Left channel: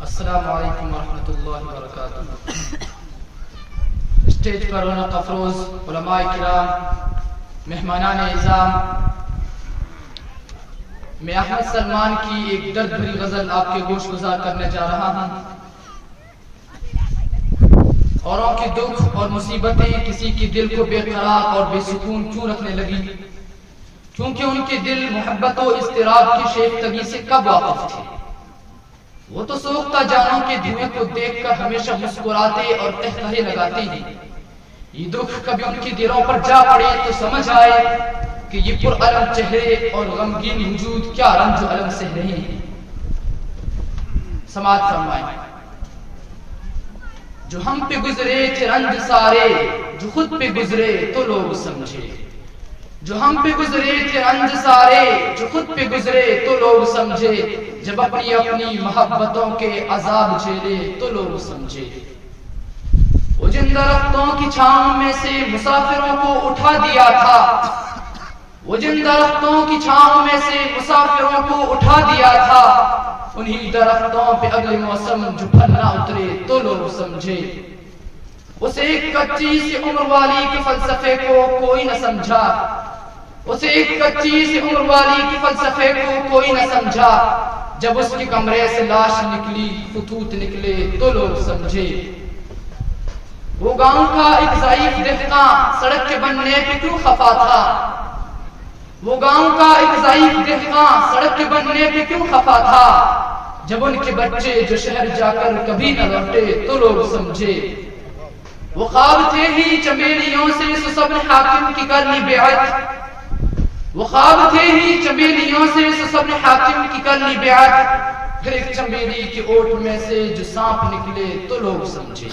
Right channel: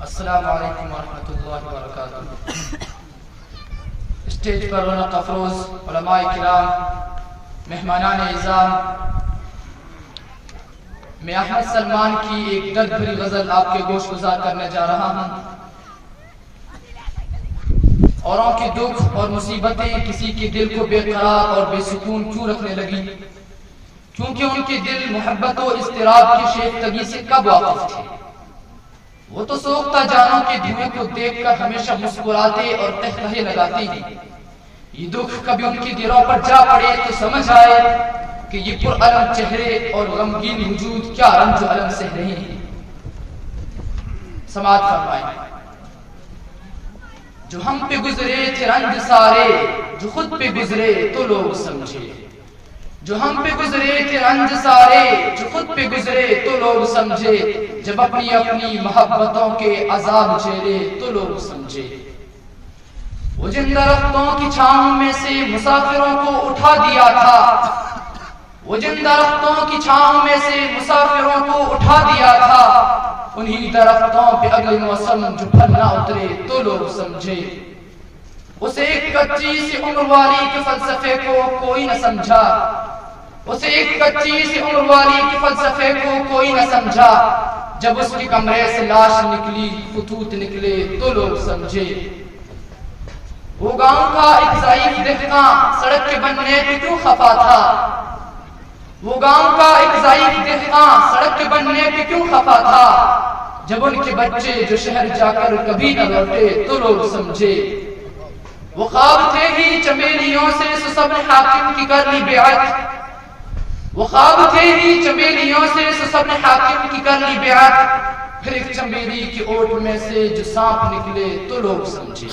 السلام علیکم ورحمۃ اللہ وبرکاتہ۔ اسٹیج پر رونق افروز علماء کرام، مہمانان اعزام، میں احمد سلمان کی ایک درد بھری غزل آپ کے گوش گزار کرنے جا رہا ہوں۔ اوروں کے دکھ اور مصیبتیں کسی کے دل کو بے قرار اور بے سکون کیوں رکھنے لگی؟ کیونکہ ان کے دل محبت و اضطراب کی شیفتگی سے کب واقف تھے۔ وہ تو سوختہ جانوں کے دھوئیں کو دیکھ کر ہمیشہ مسکراتے اور قہقہے لگاتے ہیں۔ یہ دکھ کبھی ان کے دلوں پر جا پڑے تو سمجھ آئے کہ یہ پرعلم چہرے اور غمگین وجود کیا رنج و الم سہ رہے ہیں۔ سماعت فرمائیں۔ جو ہم پہ گزرے تھے رنج سارے، جو خود پہ گزرے تو لوگ سمجھے۔ جو ہم پہ گزرے تھے رنج سارے، جو خود پہ گزرے تو لوگ سمجھے۔ جب اپنی اپنی محبتوں کے عذاب جھیلے تو لوگ سمجھے۔ وہ جن درختوں کی چھاؤں میں سے مسافروں کو اٹھا دیا تھا، وہ جن درختوں کی چھاؤں میں سے مسافروں کو اٹھا دیا تھا، انہی درختوں پہ اگلے موسم جو پھل نہ اترے تو لوگ سمجھے۔ اسے ایک کچی سی عمر والی کے فلسفے کو کوئی نہ سمجھا، اسے ایک کچی سی عمر والی کے فلسفے کو کوئی نہ سمجھا۔ جب اس کے کمرے سے لاش نکلی، خطوط نکلے تو لوگ سمجھے۔ وہ گاؤں کا ایک ضعیف دہقاں سڑک کے بننے پہ کیوں خفا تھا؟ وہ گاؤں کا ایک ضعیف دہقاں سڑک کے بننے پہ کیوں خفا تھا؟ جب ان کے بچے جو شہر جا کر کبھی نہ لوٹے تو لوگ سمجھے۔ وہ خواب تھے ہی چمیلیوں سے سسبن حاکم کی کرنی بیعت، وہ خواب تھے ہی چمیلیوں سے سسبن حاکم کی کرنی بیعت، پھر ایک چمیلی کی اوٹ میں سے جو سانپ نکلے تو لوگ سمجھے۔